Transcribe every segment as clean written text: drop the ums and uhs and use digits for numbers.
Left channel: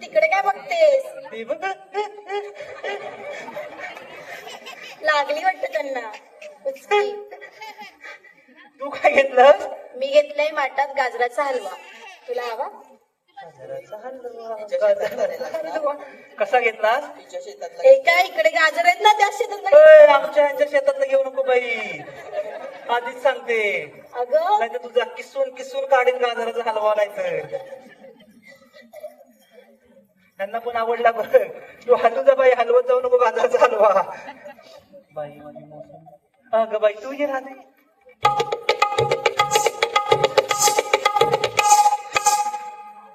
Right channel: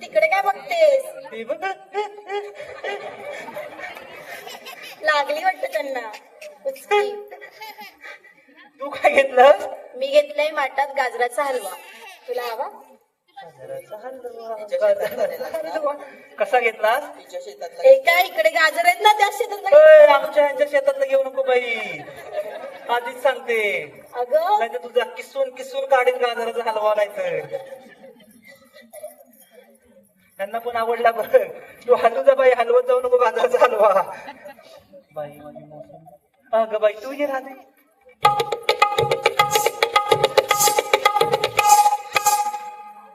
तिकडे काय बघतेस? लागली वाटत त्यांना. तू काय घेतलं? मी घेतलाय माठात गाजराचा हलवा. तुला हवा? कसा घेतला? एका इकडे गाजर आहेत ना त्या शेतात. आमच्या शेतातला घेऊ नको बाई, आधीच सांगते. अगं नाही तर तुझा किसून किसून काढेल गाजराचा हलवा. नाही त्यांना पण आवडला. बरं तू हलू जा बाई, हलवत जाऊ नको गाजराचा हलवा. बाई अगं बाई तू ये राहते.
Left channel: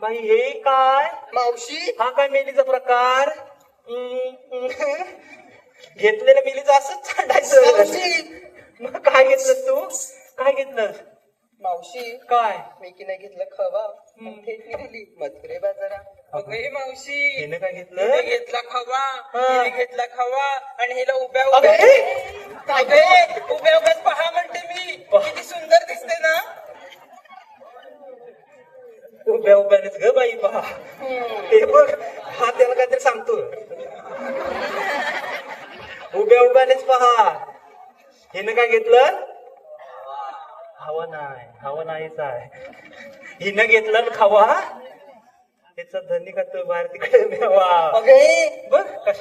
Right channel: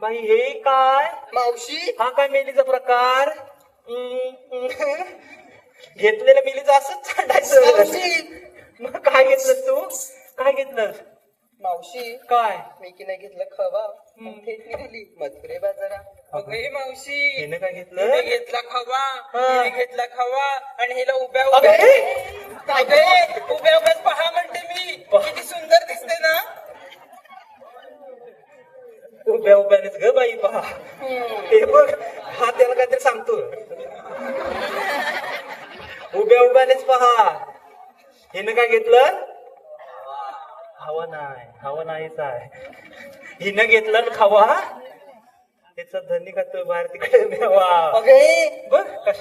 बाई हे काय मावशी हा काय मेलीचा प्रकार? घेतलेल्या मेलीचं असंच छाटायचं. मावशी मग काय घेतलं तू? काय घेतलं? मावशी काय मी की नाही घेतलं खवा फेकली दिली मधुरे बाजारा. अगं मावशी हिनं काय हिने घेतलं? घेतला खवा हा. हिने घेतला खवा आणि हिला उभ्या अगं, उभ्या हे? काय गे उभ्या उभ्याच पहा म्हणते मी किती सुंदर दिसते ना. उभ्या उभ्यानेच ग बाई पहा. ते बघ हा त्याला काहीतरी सांगतो. उभ्या उभ्यानेच पहा. हिनं काय घेतलं? हवा नाहीच आहे. हिनं घेतलं ना खावा. तिचं धनी खातोय बाहेर तिकडे द्यावा. अगे बघ कश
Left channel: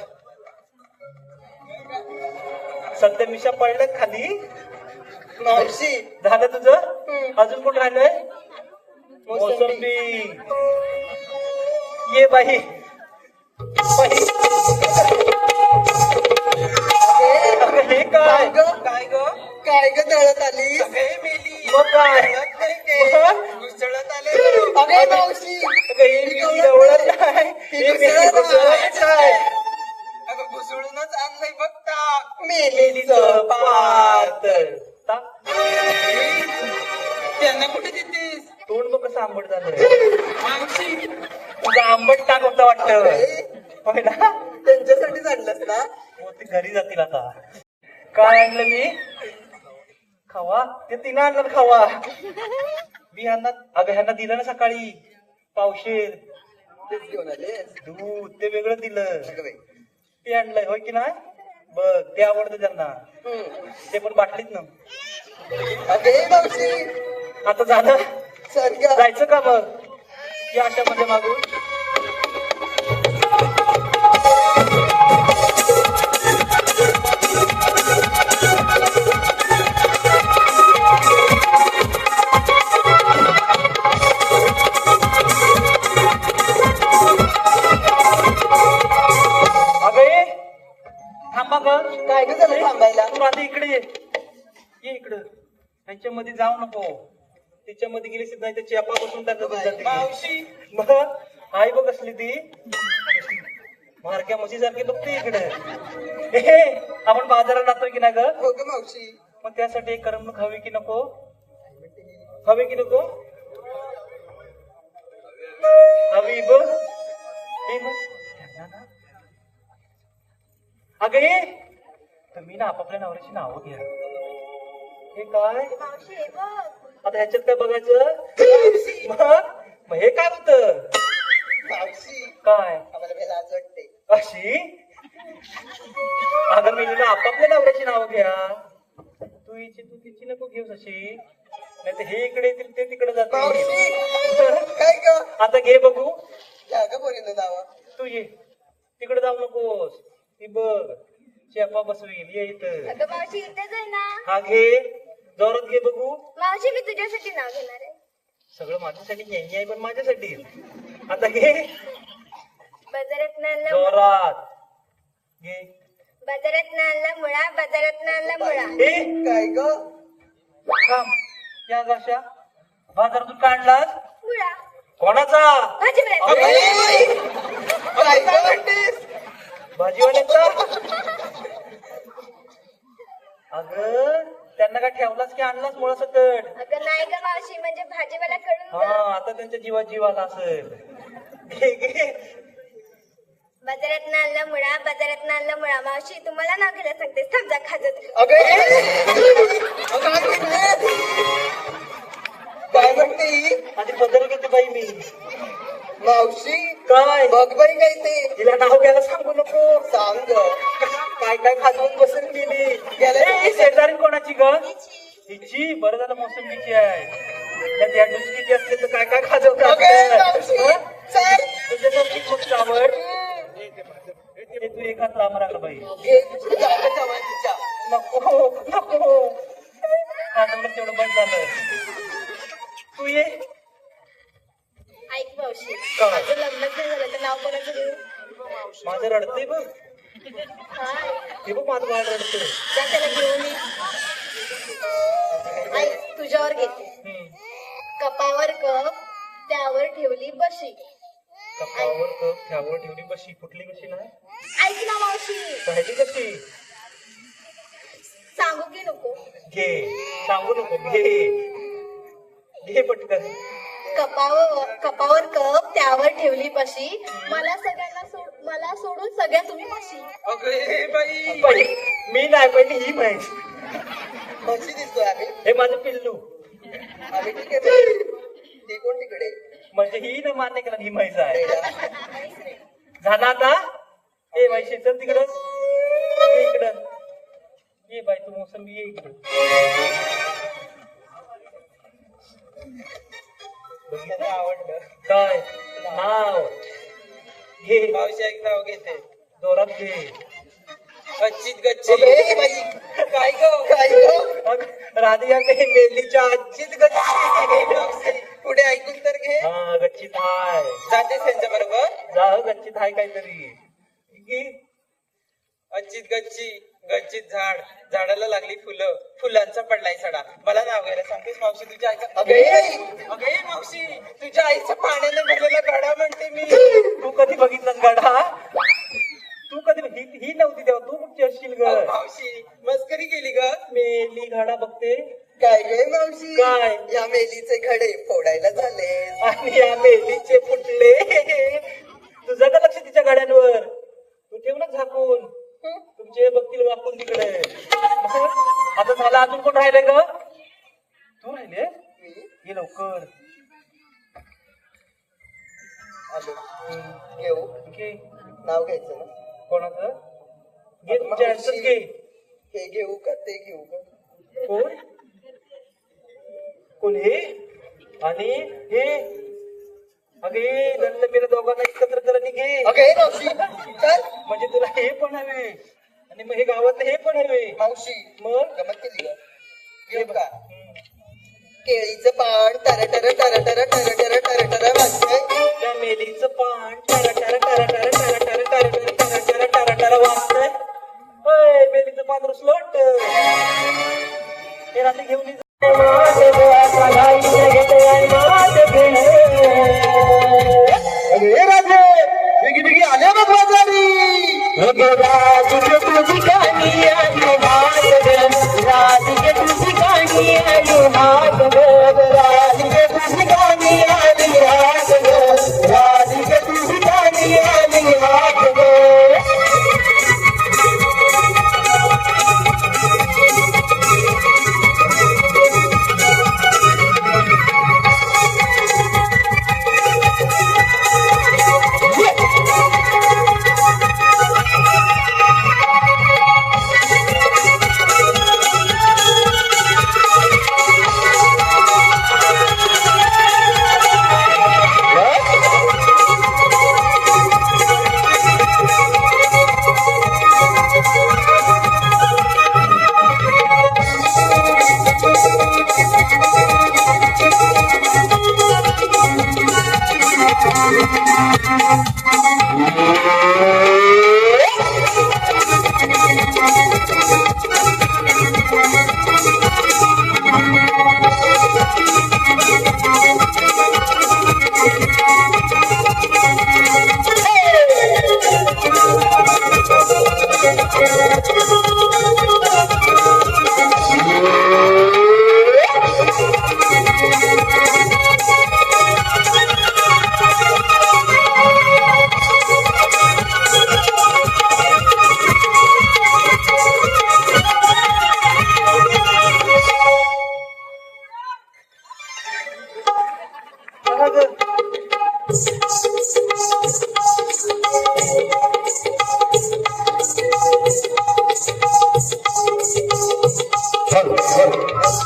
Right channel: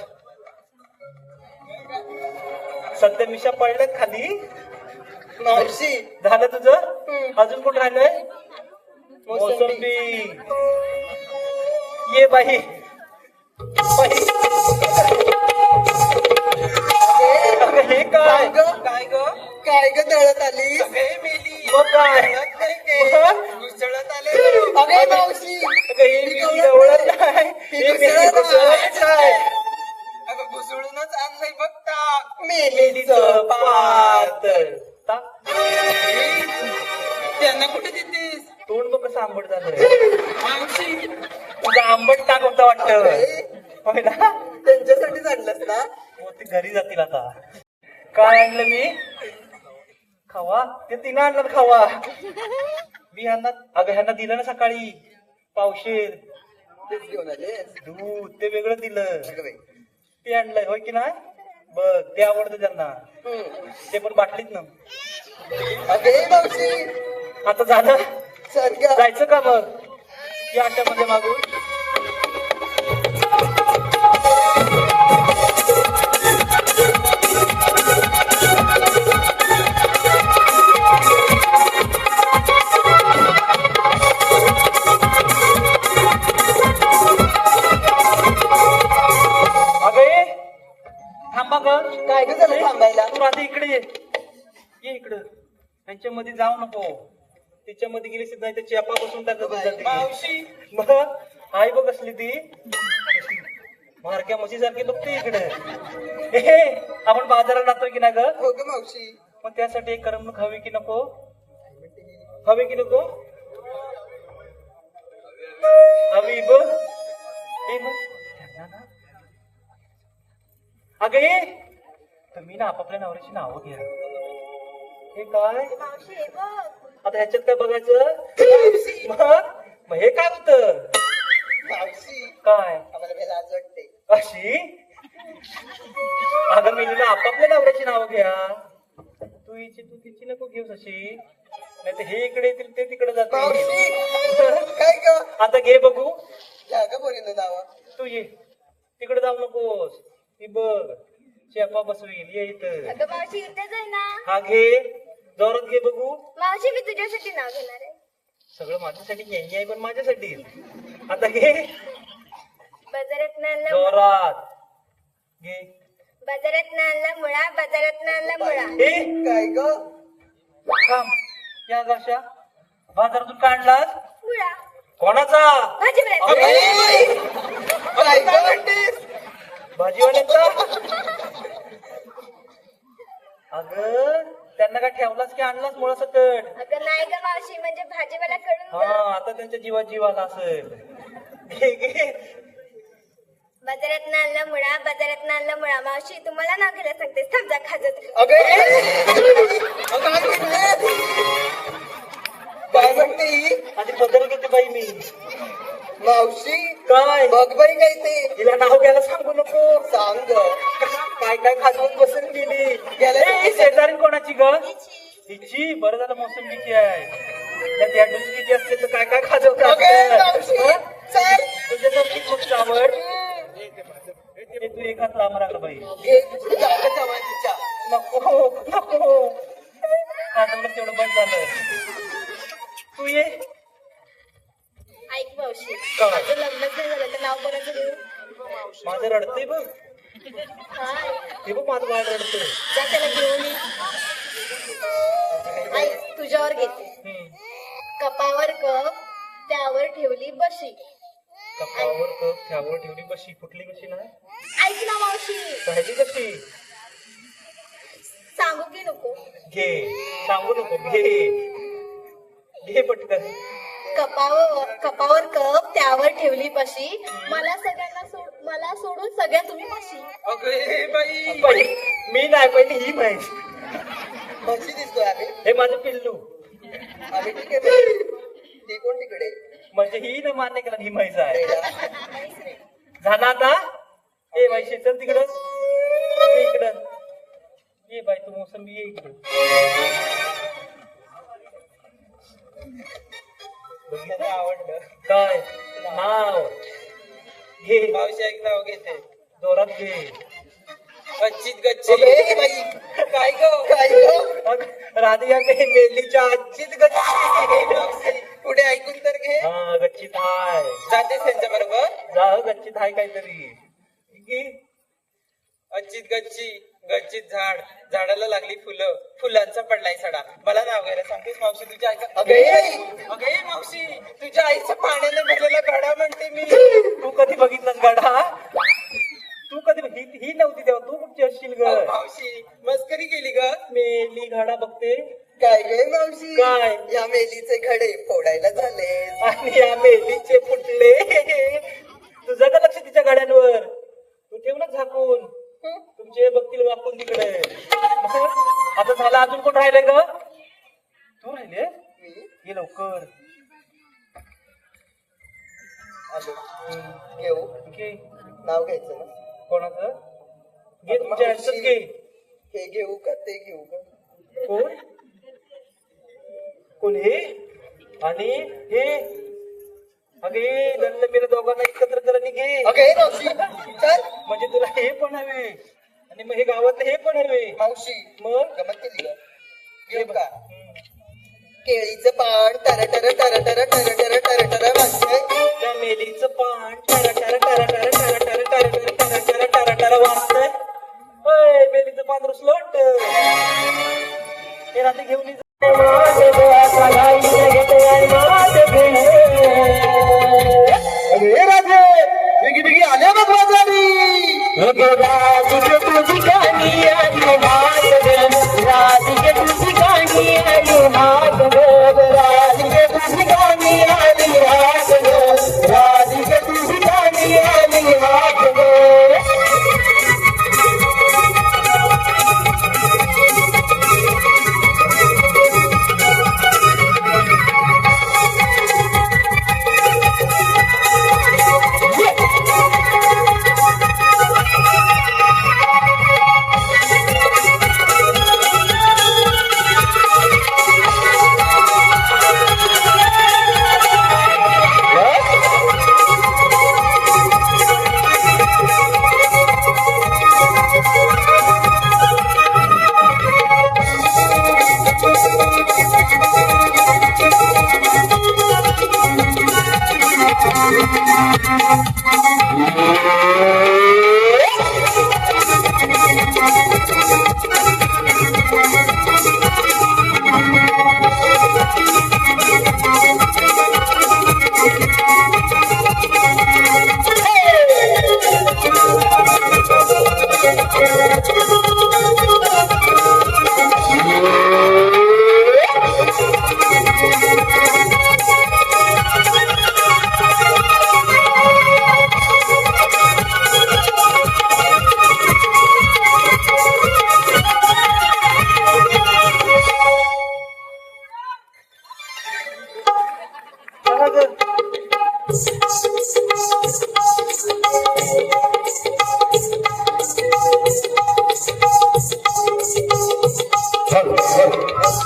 सध्या मिशा पडल्यात खाली. मावशी झालं तुझं? अजून कुठं राहिलंय? मोसंबी. ये बाई बाई. अगं, हे काय? काय ग काय ग दळत आली हे मेली मग काय? घुसळत आले. अगे मावशी काही मी जवळच आहे. हे मी जवळच आहे. अगं घुसळूनच आणलंय बघता. मेलीचं पात. त्यांना कुठे देतेस तोंड बघ कसं आंबट झालं. मावशी. तुझं आंबट टाक होतं वाटतं. होय ना? त्यांच्यासाठीच आणलंस ना. हो, ते घरी जातील आता. काय आणलं मी? खावा. ते तिनं आणलं खावा. मी अगं ह्यांना दिलं ना सकाळी पावशेर तेच घेऊन आलेस. दूध. ते वेगळं दिलं. अगं बाई. ते आणलंय होय की नाही? बघ ते आवडतं त्यांना. ते पण बाटलीत ना. अगे मावशी आता जाता चल ग. जायचं का मग? या अशामध्ये मागून अगे थांबा ग. काय ग झालं थांबायला. तू आता इकडे ये. ये इकडं. त्यांच्यामध्ये जाऊ नको. तिच्यामध्ये गेली नाही तर चेपा बसून टाकत. मावशी मग आई बघ कसली ती मारक्या म्हशी सारखी बघते इकडे. आपण बाजारात जातोय की नाही ग? हो ग मावशी. मग त्यासाठी एक करमणूक हवी की नको? हवी की नको? हवी बघ. हे बघ. अगं ये. तुम्ही ना आपापल्या नवऱ्याची नावं घ्या. हे काय? मावशी हे बघ. आता ह्याच्यात काय बघायचं? मग हे काय होतं? मावशी काय आम्हाला काही लाज वाटते. अशी? अगं मी आपापल्या नवऱ्याची नाव घ्या. तू हिची तू तिची नको घेऊस अशी. नाही तर हे इकडे येतील ते तिकडे मावशी जातील. काय ग. आता घे बघू. काय ग बोलले नावा. तू ये तिकडे जाऊ नकोस. ती बघ चेपा बसवील. ये इथं. अगं मावशी इथेच आहे ना. हा घे. जोरात घे बघू. मावशी मी तुझ्यासाठी नाव घेणार आहे. सगळं माझ्यासाठी घ्यायची आहे पण माझ्यासाठी. आता घे बाजारात आणला जोरात घे. बाजारात आणला मुळा बाजारात आणला मुळा. हे काय ग. थांब. या गाशा बाजारातून काढलास? मुळा कोणाचा? भाजीपाल्याचा. काय ग म्हणतेस. भाजीवाल्याचा? अगं त्यांना काय ठेवलास की आणलास मुळा सकट? अगं नाही ग मावशी म्हणजे भाजीवाला कडून हा आता त्यांच्या जीव आला असेल. घे घे. बाजारात आणला मुळा बाजारात आणला मुळा. मावशी तुम्हाला नाव घ्यायला सांगतेस. थांब जा खाजत. काय म्हणते ही? माझी बदल घेते बाई मी. मावशी काय बघ बाई काय ते. तिला नाव घ्यायला सांगू नको. सांग ग. काय काय खाजवून बसून गेली. शेजारी कोणाची ग? तिची. बरं झालं मोसंबीची आहे. त्या डुचकीची असते तर काय काय खाजवतात. चल तुझ्यासारखी खूप आवड. तू एकाच लांब बाई. घे तुझी जागा चवातीच्या. नको नको. खाजवलं तेवढं बंद झालं. तू ये. ऐक मावशी काय? माझं लग्नच नाही झालं तर नाव कोणाचं घेऊ? माझं रडते बघ. काय ते बघ माझं काय रडतं. जा त्याला घेऊन ये. आई तुझ्यावर घेते. हम्म. कपावर कप त्यावर ठेवली बशी. कपावर कप त्यावर ठेवली बशी. कुठली बशी नाही? ऐक ना मावशी, पाहिली कशी? सांगू की नको? घे. सांगू नको. घे. घे पटकन. कपावर कप त्यावर ठेवली बशी. मला सोडून सगळ्या तुम्ही बशी. अगे बाई पहिली मी नाही, पहिली ही म्हैस. म्हशी दिसतोय आम्ही. हे माझं पिल्लू. आम्ही ठीक आहे. ते कोण तिकडे? म्हणजे ही ना मान्य केला ही म्हैस आहे. झाला आता? ए बाई चल तिकडं. ये इकडं. ये बाई तू मोसंबी ये इकडं. मला आवडलं. काय नाव? घे. मावशी एक नाव घेते. जोरात घे. गच्चीत गच्ची. अगे बाई, काय ग काय ग? मग राधिया मेलीच्या आजीत गच्ची. मावशी, पुढे ऐकून तर घे. हा गच्चीत हाय. जातेस त्यांच्या बरोबर. जा गच्चीत हाय काहीतरी. घे. गच्चीत गच्ची गच्चीत झाड. झाडाला लागली फुलं. फुलांचा पडलाय सडा. मला नाव घ्यायला सांगतेस मावशी तुझ्या आईचं. अगे मावशी, तुझ्या आईचं पाण्याने भरलेला गाडा म्हणते मी. तू कधी बघितलंस गाडा? तू कधी ही नव्हती तेव्हा तू कुठची असशील ग? मावशी मस्करी केली ग. मेली गाडा बघते. काय रे मावशी? काय? या मेलीचे घडे फोडायला झाले. आणि या मेलीचे फुटले. तुझं का लक्ष तिच्या गाड्यांवर? तू ठेव ना झाकून. तुमचे बघतील वाकून तिकडे. आता झालं, अजून कोण राहिले ग? तू राहिले? ये लवकर. घेऊ. घे. नाव घ्यायचं ना? कोणाचं? घे तुमच्या यांचंच घे. हे घेऊ का ते घेऊ का? कोण? कोण हे? आणि हे? अगे त्यातलं मेलं दोघांना एकत्र कर आणि घे. अगे मावशी, चल. म्हणजे तुला हे पण हवे आणि मग हे गावातलं हे पण हवे. मावशी, मग गमत केली का? घेऊ का? केळीचं पान टर टर टर टर टर टर टर टर वाजतंय. त्या मेलीचं पान टरा टरा टरा टरा टरा टरा टरा टरा टरा टरा टरा वाजतंय. होय मेलीचं पान रुसलोट. हे रात्री घेऊन ये. अरे राजे, बिगी बिगी आल्या बघ वाजवानी.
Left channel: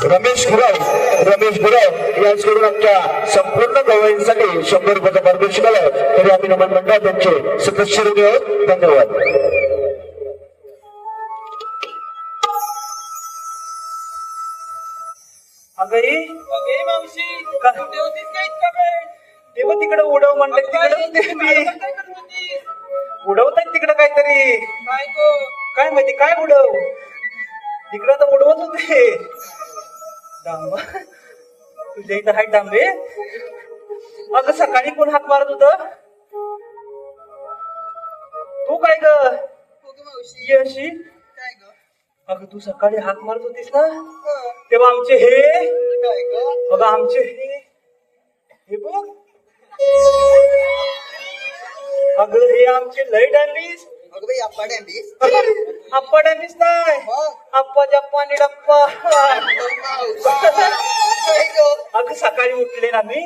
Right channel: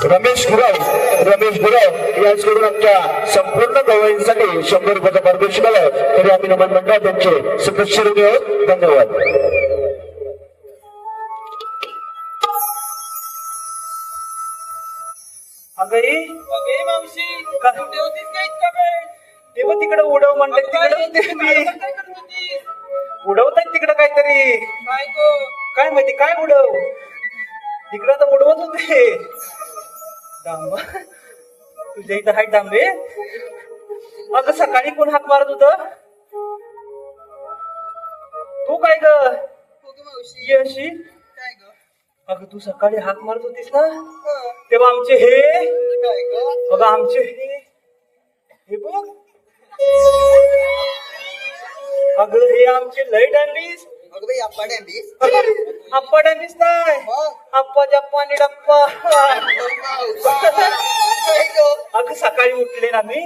रमेश गुराव यांच्याकडून आमच्या संपूर्ण गवळींसाठी 100 रुपयाचा पारितोषिक आलं. तरी आम्ही नमन मंडळ त्यांचे सदस्य आहोत. धन्यवाद. अगं अगे मावशी, कुठे होतीस का इतका वेळ? तेव्हा तिकडे उडव म्हणलं तिकडे उडवतात तिकडे काहीतरी. काय गो? काय माहिती काय उडव? तिकडं तर उडवत होते थांब. तुझ्या इथं हाय थांबे. अगं सकाळी कोण हाक मारत होत? तू काय ग हो ग मावशी ये अशी? काय ग अगं तू सकाळी हाक मारत होतीस ना हं, तेव्हा आमचे हे काय ग अगं आमचे हे बघ. अगं हे आमचे लय डॅनीस. अगं बाई अप्पा डॅडीस आप्पा डॅनीस नाही आप्पा जप्पा आणि डप्पा. काय ग अगं सकाळी उठले ना मी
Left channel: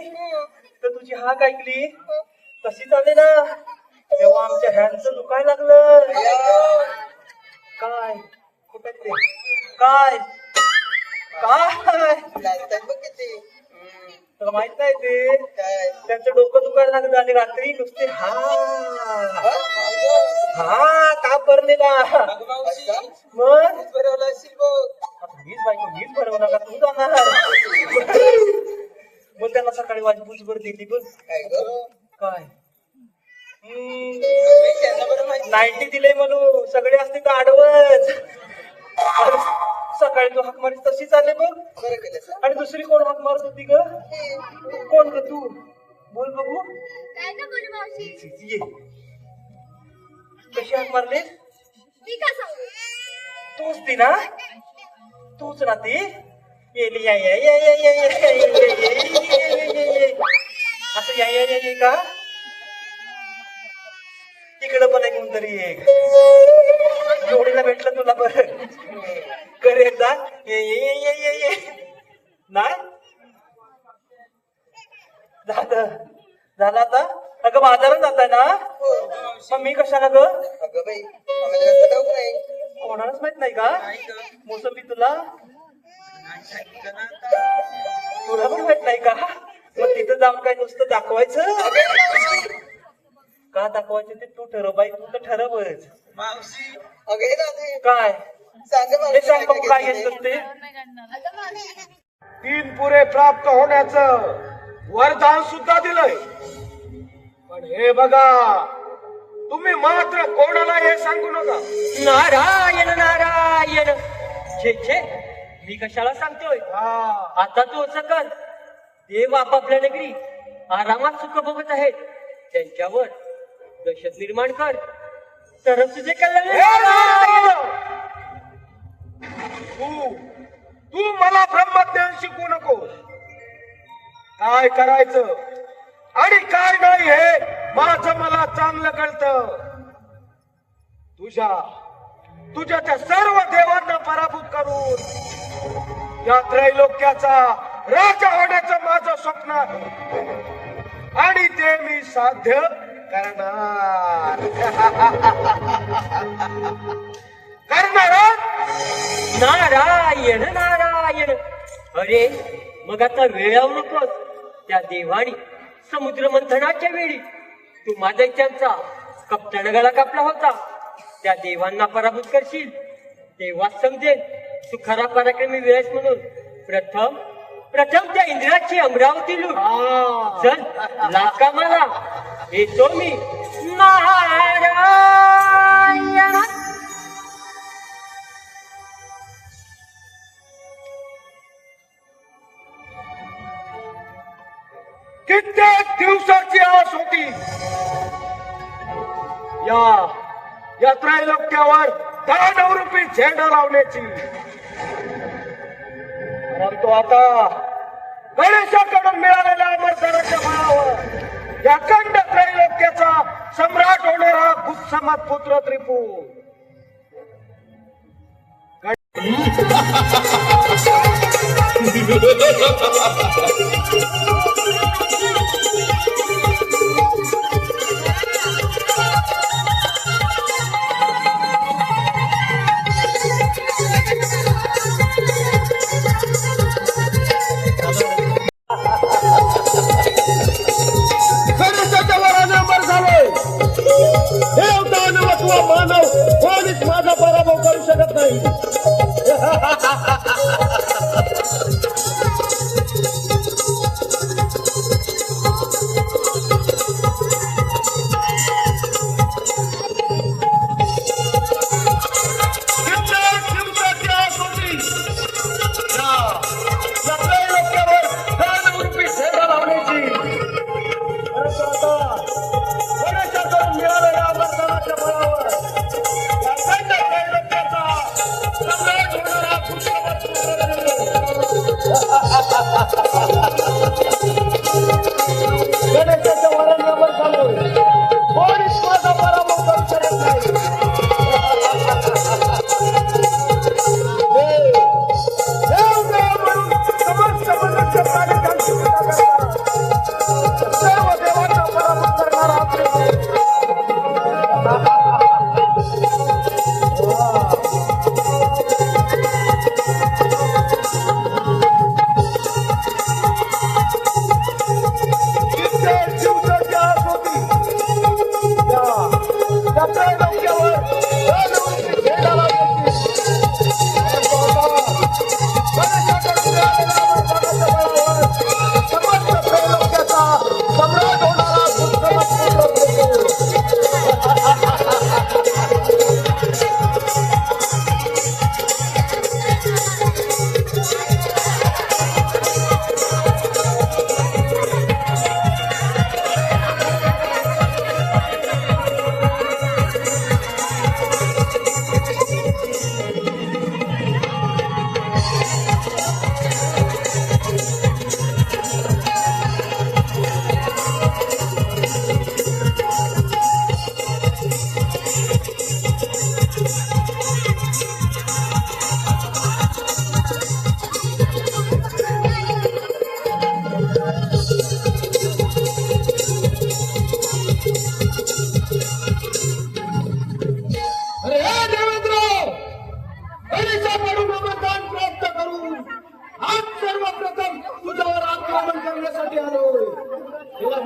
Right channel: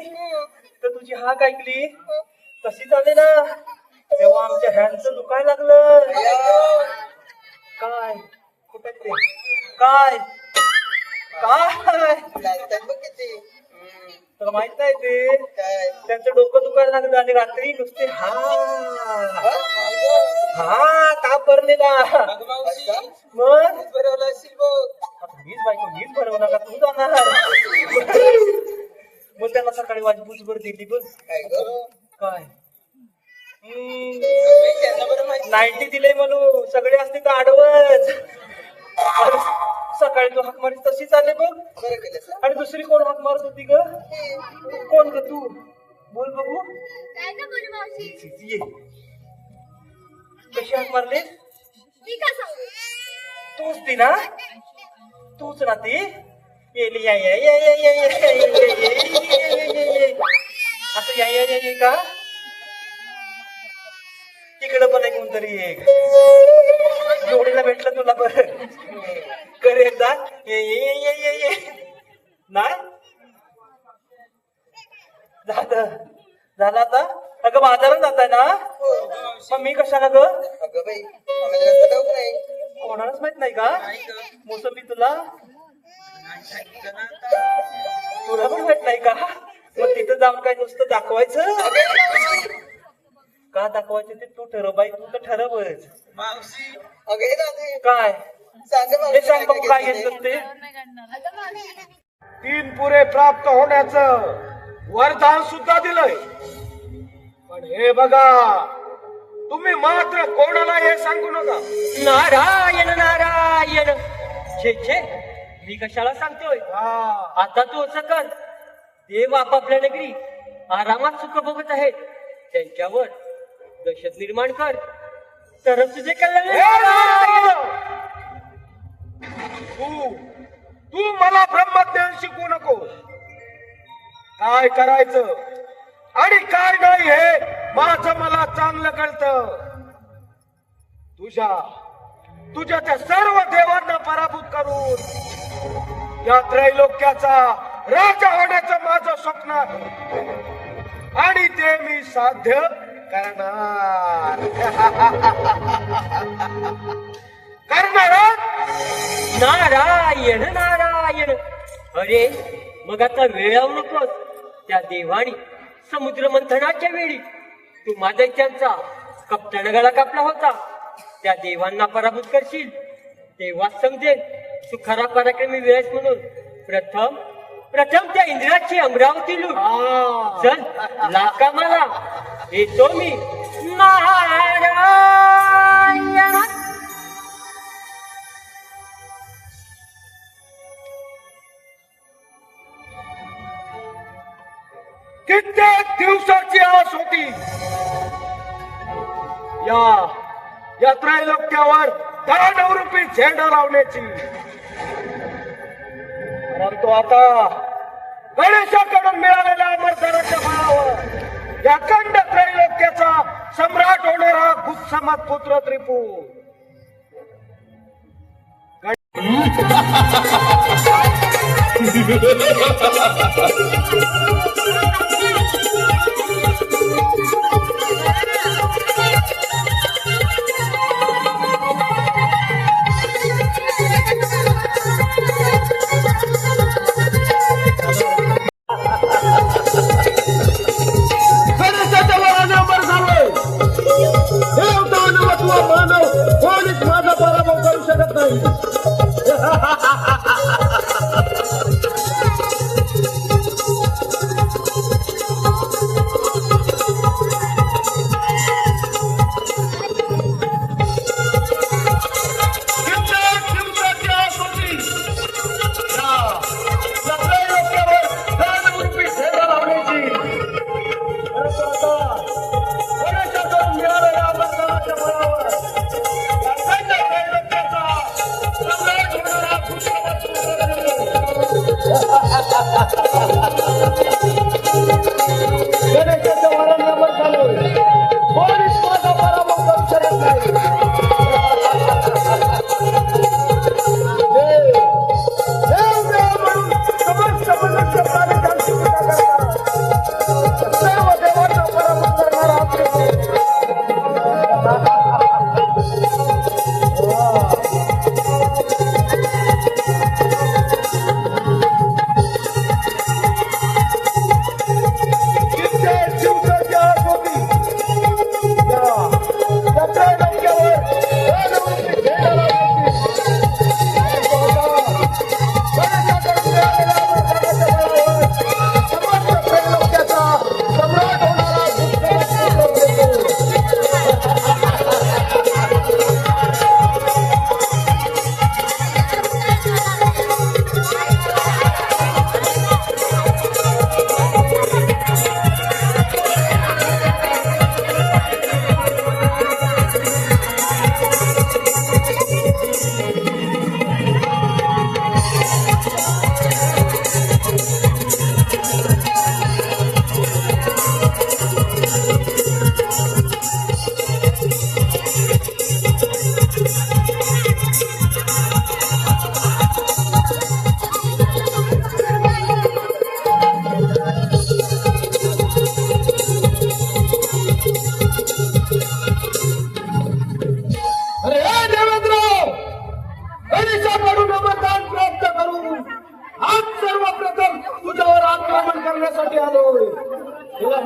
तर तुझी हाक ऐकली तशी झाली ना तेव्हा आमच्या ह्यांचं दुखायला लागलं. काय कुठं ते? काय काय लागतात बघ किती तुला माहित नाही ते काय त्यांचं डोकं दुखायला लागलं आणि रात्री नुसते हा का भरलेला अगं मावशी मग बरवलं असेल बघ. मीच बायको मीच भरवला का तू जाणार मग त्यांना सकाळी माझी पूजभर दिली बघ. काय ग काय त्यांना बरं माहिती. 90 दिले म्हणून सगळे असते तर आडवच. सकाळी तू हाक मारी तशी चालले बघ. बरं केलं आणि दुसरी कोण हाक मारत होती ग? कोण ग तू? बोल बघू. काय का बरं मावशी? ये कशी हाक मारली? मी का सांगू? तूच ती ना? तूच ना ती? येली या या या या या या या या असं या या या या का? तिकडं पण आहे कोणतरी एक जोडीला भेटलं तुला पण कर एकदा ये ये ये ये ये नाही झालं आता. अगं बाजारात जाताय ना मग मी कशाला ग? अगं बाई आम्हाला जास्त ठाऊक नाही कोणालाच माहित नाही का? मोसंबी तुला तुला पण माहित नाही का? मग तिथं जाऊन काय नुसतं दाखवायचं का? दाखवायचं ते तू ठरव बाई. तू तर ठरवच. मावशी अगं हे दादे काय सांग हे मावशी सांग बघू काय काय घेतलं ते? अगं मावशी 3 पुरे प्राप्त होण्याचं वरदान सुद्धा दिलंय. पण हे बघा तुम्ही मात्र कोणाला हे सांगू नका. नारायण नारायण छे छे मी कशाला सांगतोय? हा आता तू असं कर. देव आपापल्या नगरी आरामात सुख भोगत आहेत त्यांच्यावर दहशत निर्माण कर तरच तुझे कल्याण हे होईल. राम! तू मला ब्रह्मज्ञान शिकवू नको. काय करायचं आणि काय नाही हे माझं मला चांगलं कळतं. तुझ्या त्या सर्व देवांना पराभूत करून या त्रैलोक्याचा राजा होण्याचं माझं स्वप्न आहे. आणि ते मी साध्य करणार. करणार नारायण नारायण. अरे मग आता वेळावू नकोस. त्या देवानी समुद्र मंथनाच्या वेळी तू दैत्यांचा कप्तान गळा कापला होता. त्या देवांना पराभूत करशील तेव्हाच समजेल तू खरा पराक्रमी वेळेस म्हणून. प्रथम त्या इंद्राची अमरावती लूट. चल लाका मला येतो मी. नारायण कित्येक दिवसाची आस होती या त्रैलोक्यावर दानवरूपी झेंडा लावण्याची. परंतु आता गणेशाकडून मिळालेल्या अमरपणाच्या बळावर या अखंड त्रैलोक्याचा सम्राट होणारा गुत्समत पुत्र त्रिपूर गणेशाच्या वराने अमर झालोय. देव दानव अथवा मानव कोणीच माझा पराभव करू शकत नाही.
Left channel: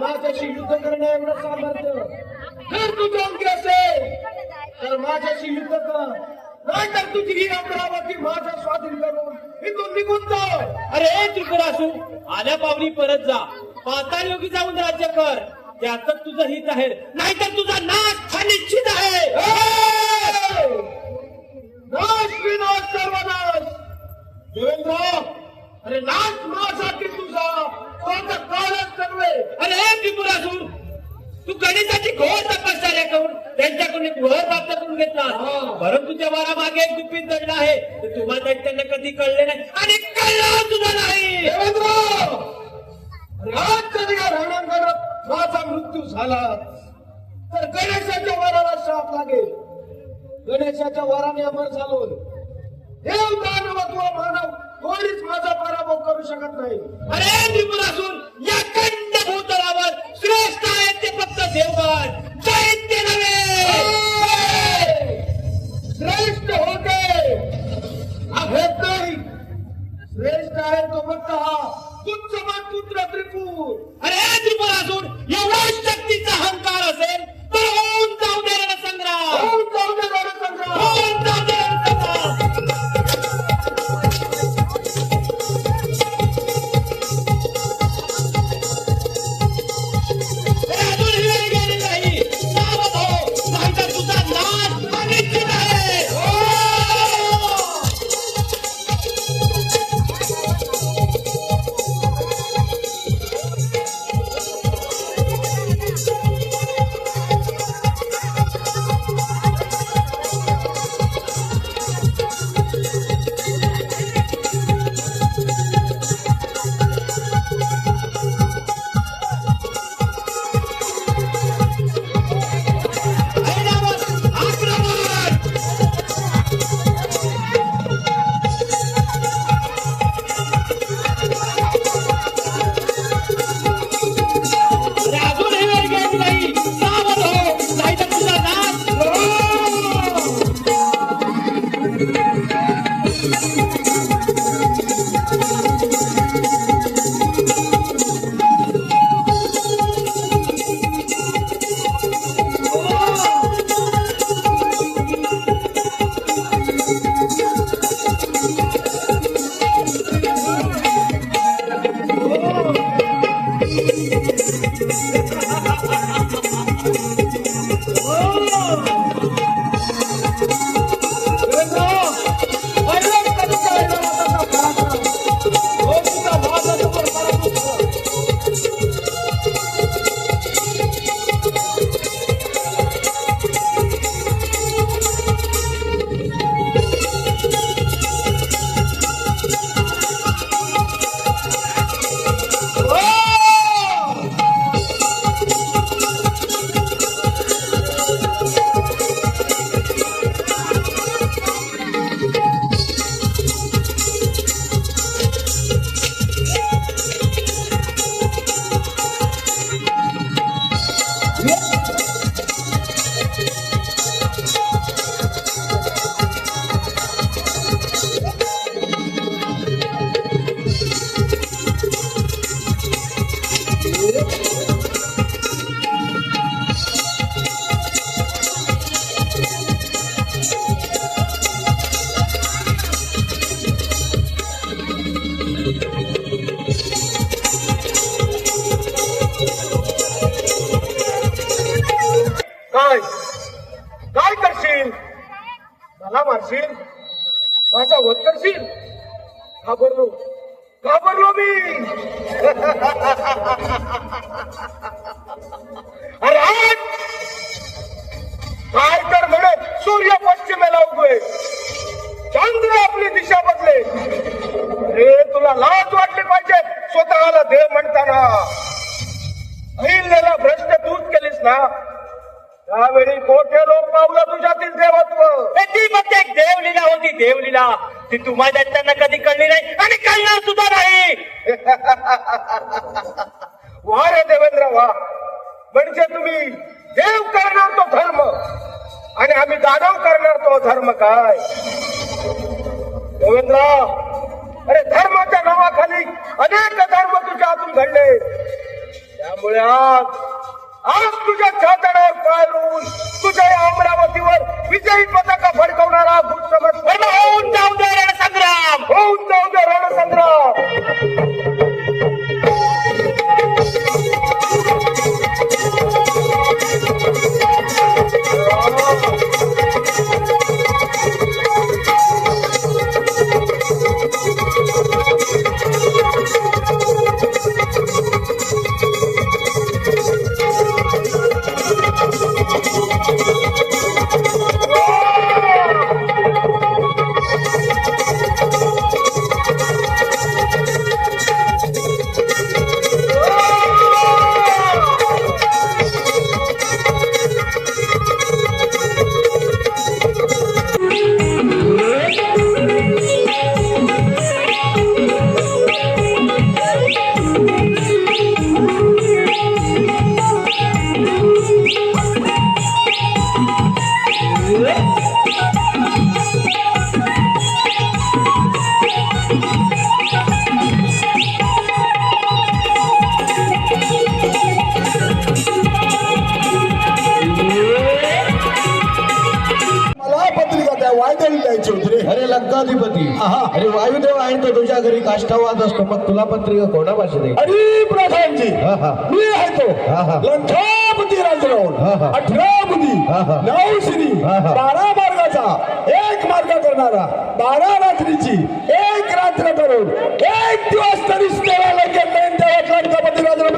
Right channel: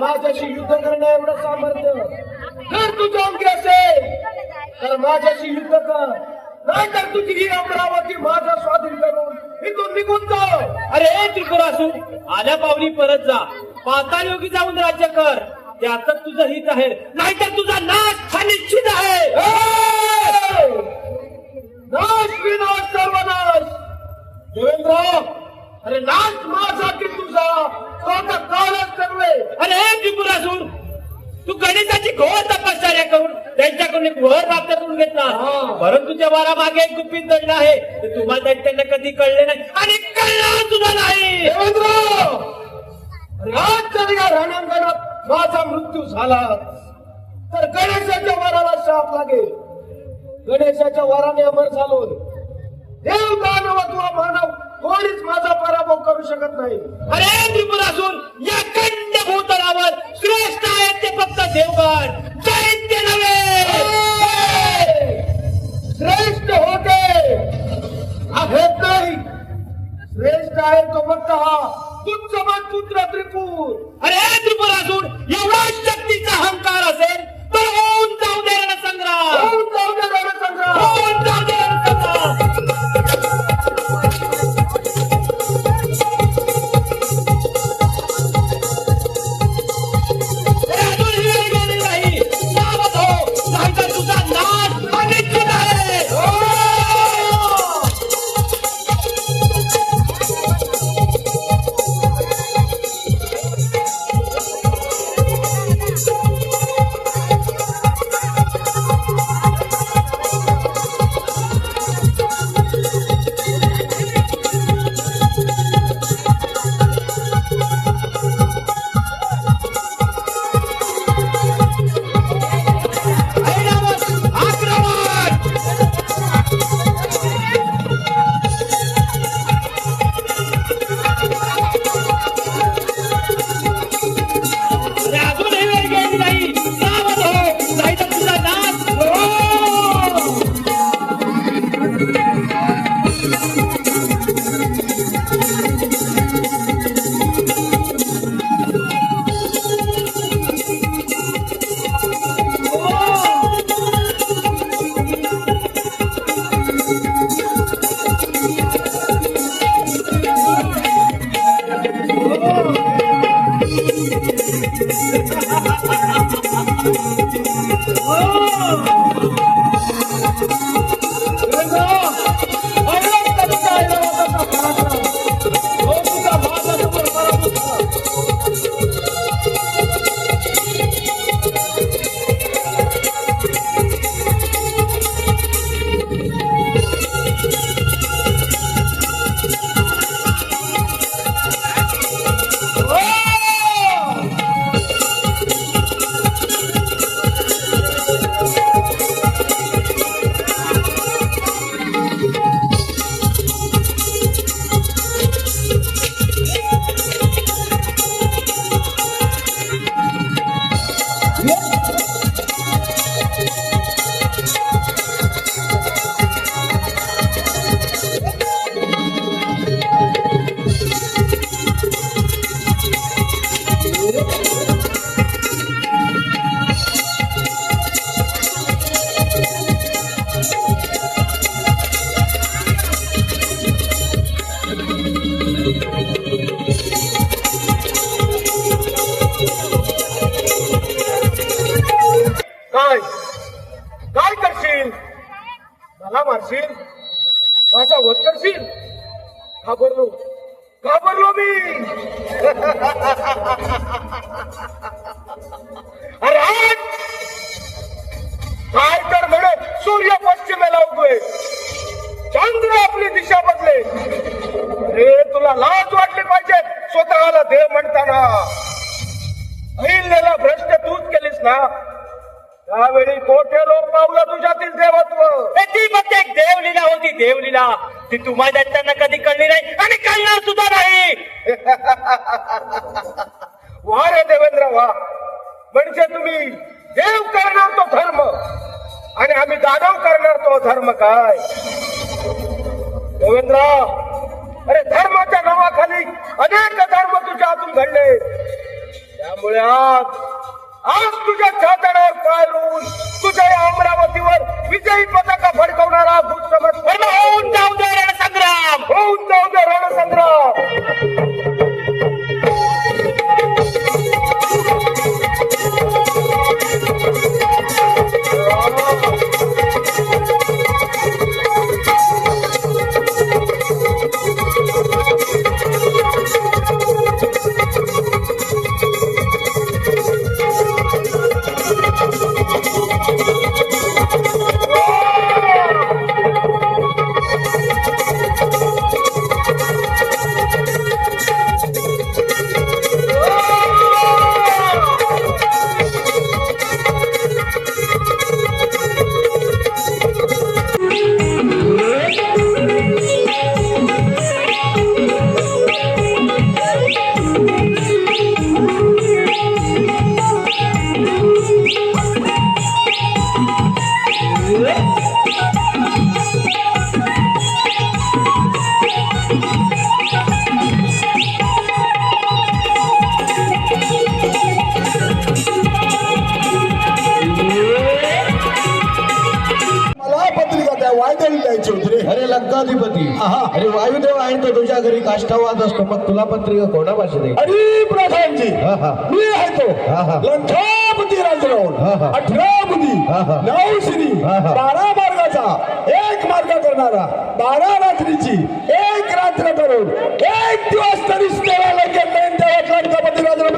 माझ्याशी युद्ध करणं एवढं सामर्थ्य जर तुझ्या अंगी असेल तर माझ्याशी युद्ध कर, नाहीतर तुझी ही अमरावती माझ्या स्वाधीन करून इथून निघून जाऊ. अरे त्रिपुरासूर, आल्या पावली परत जा, पाताळ योगी जाऊन राज्य कर, त्यातच तुझं हित आहे, नाहीतर तुझा नाश हा निश्चित आहे. नाश विनाश सर्वनाश. देवेंद्र, अरे नाश माझा की तुझा तो आता काळच करवे. अरे त्रिपुरासूर, तू गणिताची घोर तपश्चर्या करून त्यांच्याकडून एक वर प्राप्त करून घेतला, परंतु तुझ्या वरामागे एक गुपित दंड आहे, ते तुम्हाला त्यांना कधी कळले नाही आणि कळलं तुझं नाही. देवेंद्र, आज जर या रणांगणात माझा मृत्यू झाला तर गणेशाच्या वराला शाप लागेल. गणेशाच्या वराने अमर झालो. देव दानव अथवा मानव कोणीच माझा पराभव करू शकत नाही. अरे त्रिपुरासूर, या खंड भूतलावर श्रेष्ठ आहेत ते फक्त देवगण, दैत्य नव्हे. श्रेष्ठ होते आहेत नाही, श्रेष्ठ आहे तो फक्त हा तुच्छ पुत्र त्रिपूर. अरे त्रिपुरासूर, एवढा शक्तीचा अहंकार असेल तर होऊन जाऊ दे रणसंग्राम, होऊन जाऊ दे रणसंग्राम. होऊन जाऊ दे रणसंग्राम. अजून वेळ गेली नाही, सावध हो, नाहीतर तुझा नाश अनिश्चित आहे. अजून वेळ गेली नाही, सावध हो, नाहीतर तुझा नाश. काय काय करशील? मला मारशील? माझा वध करशील? घाबरलो घाबरलो मी. अरे आज काय तर घडत सूर्य पश्चिमेला उगवे, चंद्र आपली दिशा बदले. अरे तुला लाज वाटली पाहिजे स्वतःला देव म्हणताना. अहिल्याला भ्रष्ट तूच केलीस ना, त्यावेळी मोठे लोक पावलं तुझ्यातील देवत्व. ती फक्त एक देवलीला होती, देवलीला. ती तुम्हाला त्यांना कधी कळली नाही आणि कळणार सुद्धा नाही. वा रे देवेंद्र वा. म्हणजे तुम्ही देव करणार तो धर्म आणि आम्ही दानव करणार तो धर्म काय? देवेंद्र, अरे धर्माच्या नावाखाली अनेक धर्म तुझ्या हातून घडले. त्यामुळे आज तुझ्या छातडावर पाय रोवून तुझ्या या अमरावतीवर विजयी पताका फडकवणारा भूसमर होऊन जाऊ दे रणसंग्राम, होऊन जाऊ दे रणसंग्राम. अरे लंकाधिपती, अरे वायुदेव आहे तो तुझ्या घरी काष्टावाद असतो, मग तुला पत्रिका कोणा भाषेत आहे? अरे प्रधानजी, मी आहे तो लंकापती राजराव. 18 बुधी 9 श्री 12 मार्गाचा 1 मार्ग करणारा, 12 रात्रीची 1 रात्र करून 1 दिवस तरी सेवाला गेले तेव्हा लंकापती राजराव.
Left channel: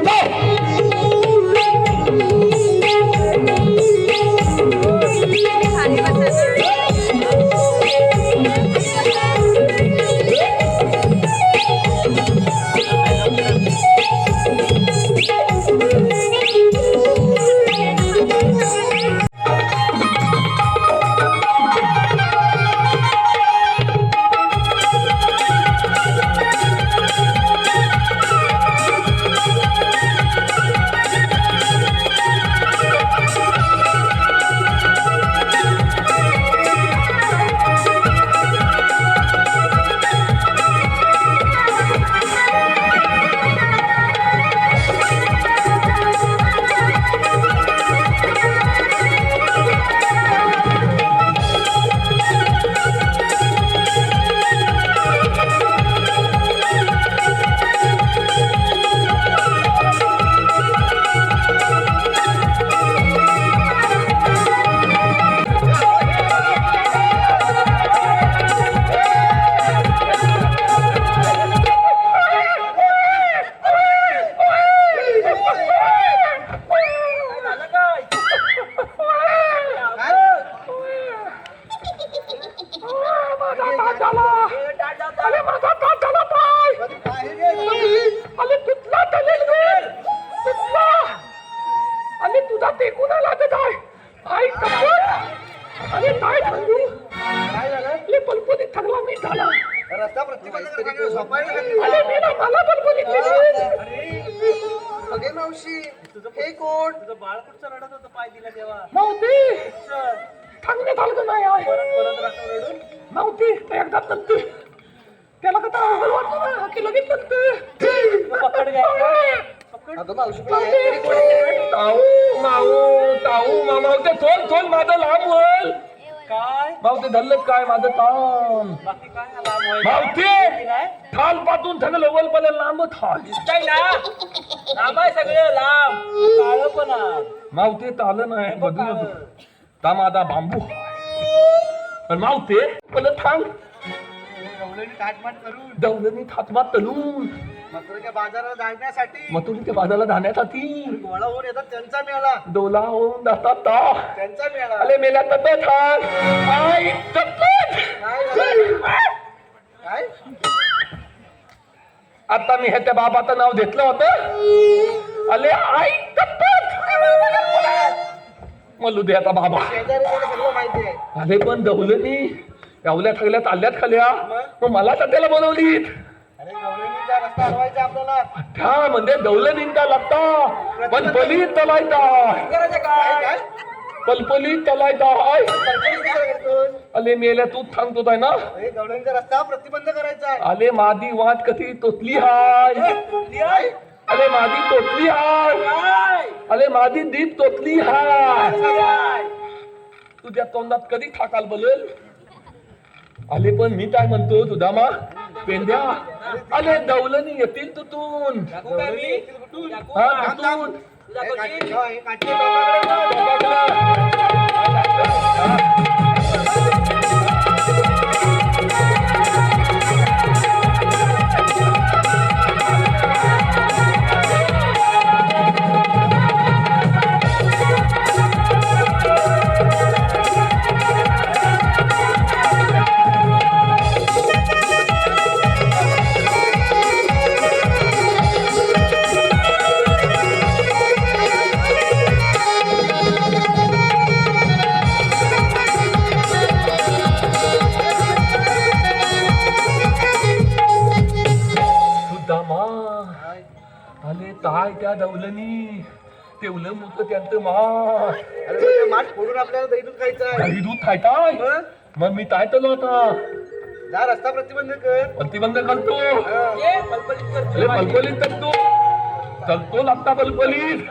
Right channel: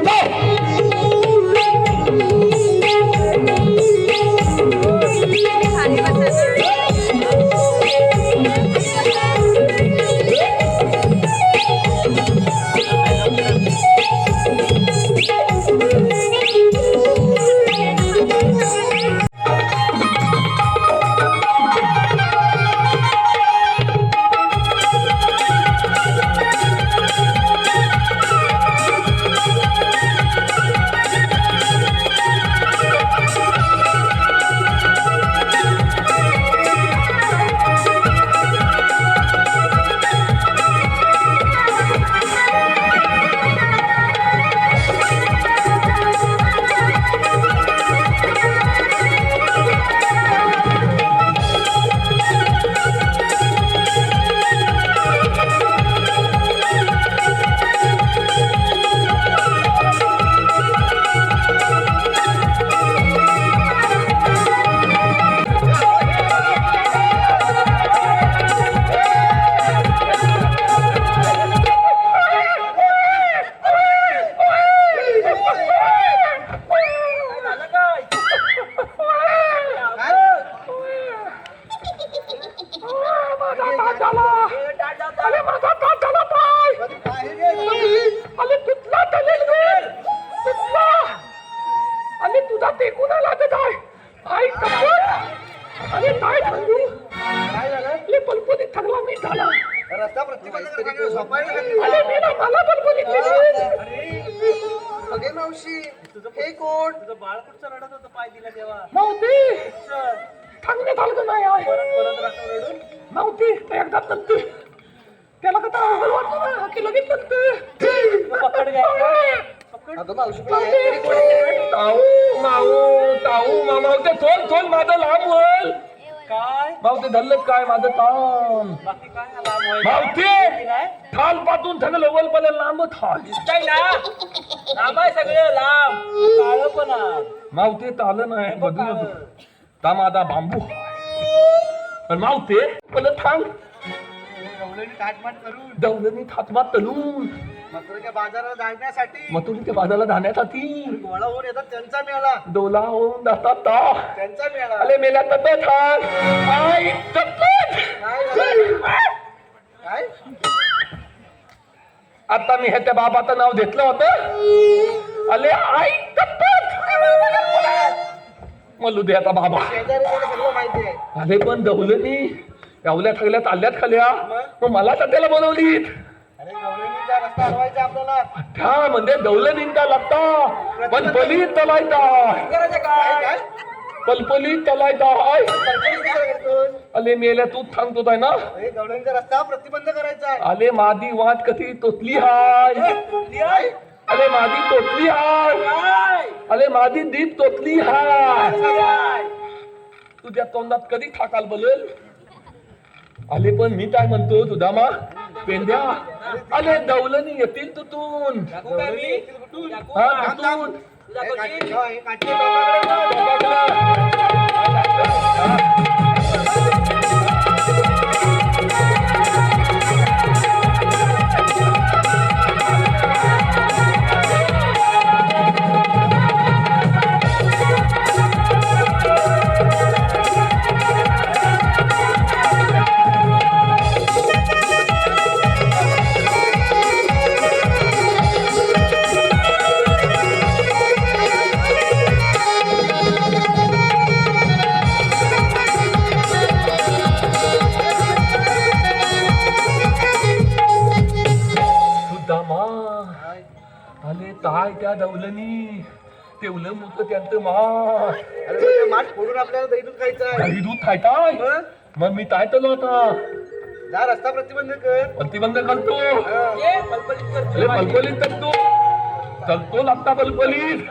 अगे मावशी, हे कोण? तुझं बाळ कुठचं रडत होतं पाय दिला तेव्हा? नव्हती सांगण्यात आलं नाही आहे. परत राखून रडून नव्हती एकदा तंतू त्याला का अवघड वाटलं ना की लगेच तंतू पकड घ्यायचं. अगं मावशी, हे कोण आहे? ताऊ मावते थोल माझं लांब होईल काय मावते धरलं काय माझं काम बाकी काय आला मावते थाल पातून सगळं लवल पण लांब थाल दिसतंय ना, लांब आहे सगळं, लांब काळं पण आहे. मावते तालं नाही बदलू ता माझा बांबू पण मावते पण थांब दौलनी थातमात तलून मथुरेच्या बाजाराला जाण्यासाठी मथुरीच्या बाजाराला जाण्यासाठी गोळा होऊन येतात त्यांचा मेळा, डोला होऊन जातात ता त्यांचा मेळा. अले मेला तत थांब आई तपत काय आता मी हे त्या बाबाचं नाव घेतलं होतं अले आई तपत मलू दे आता बाबा शेजारी सगळं माहिती आहे. अरे पण दौलनी गावल्या ठगल्यात आल्यात खाल्या मग मला तर त्याला बोलवलीत अरे गवळणीचा रस्ता हरवायचा आपल्याला. त्या म्हणजे दौलनींचा लागता पण पली तलायता करायचं काय? पलपली तलायता अले मेल्या तू सांगतो आहे ना हे गवळणीचा रस्ता प्रतिबंध करायचा आहे. आले मादी वाट कधी तोतली हाय अरे माझी तोतली हाय, अरे माझी दीप तोतली हाय. तुझ्या तोंडात कधी ठाकाल बोलेल. आले पण मी काय म्हणतो सुदामा पेंड्या, अरे दौलनी येतील तुतून. हा तुतून. आले ताय त्या दौलनी तेवलं मुत त्यांचं माठ फोडून आपल्याला दही दूध खायचं दही दूध खायताय. मग मी काय तलो आता जा रस्ता प्रतिबंध कर. प्रतिबंध करतो. पलपलीत करतो. चलतो लागता पलपलीत.